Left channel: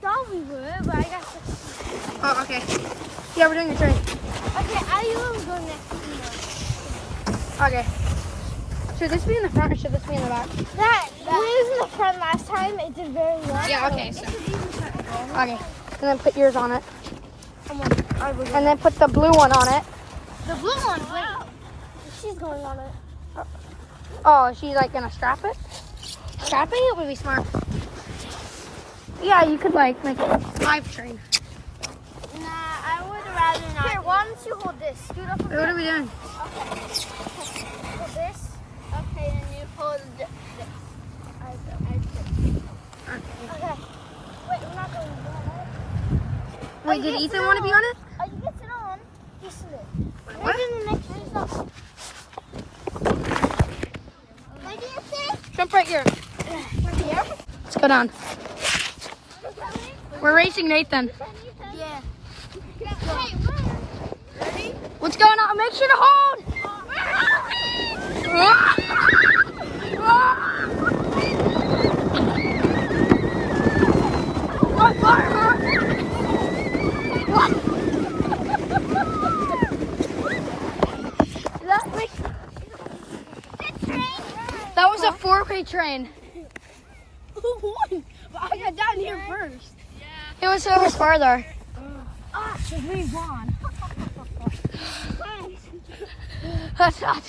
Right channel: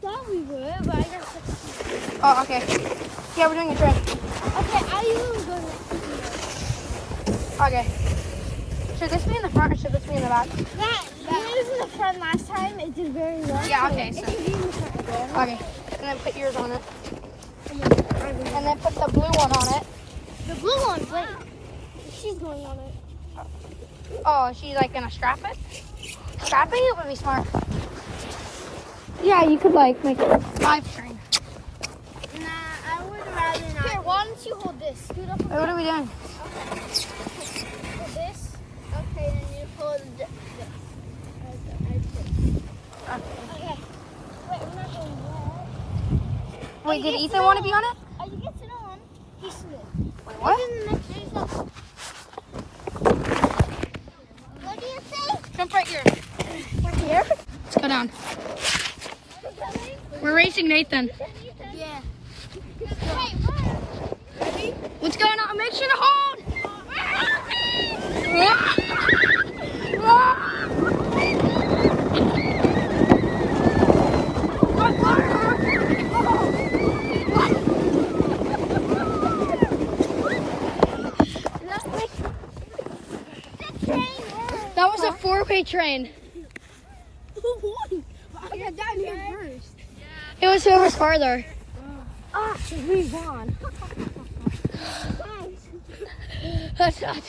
thought we were, but I got to. Oh, okay. Yeah, we're doing a train. Okay, how do you want to go next? Okay. Should this be in the front or should this be in the back? That was in the front last time. It did very well. Yeah, okay. So. Okay. And then put yours on it. And then put the blue one on it. The blue one, wait. She's going on it. Oh, she's like gonna strap it? Strapping it would be smart. Yeah, you could like make it 5 string. Nah, I would rather not. Here, why don't you hold this? Scoot up a bit. What are we doing? Okay. Hold this. Okay, and you hold this. Okay. Wait, we're not going yet. Wait, did Ethan want to be on it? Oh, you get it on. He's in it. What? Maybe in the next video. What do you think? Jump right here. Right here? Let's go down. We're racing Nathan. Yeah. Ready? What's going on? Make sure to hold. That was a 4-way train. Who won? But I got down here first. It was whoever's farther. Ah, so we won. That's not.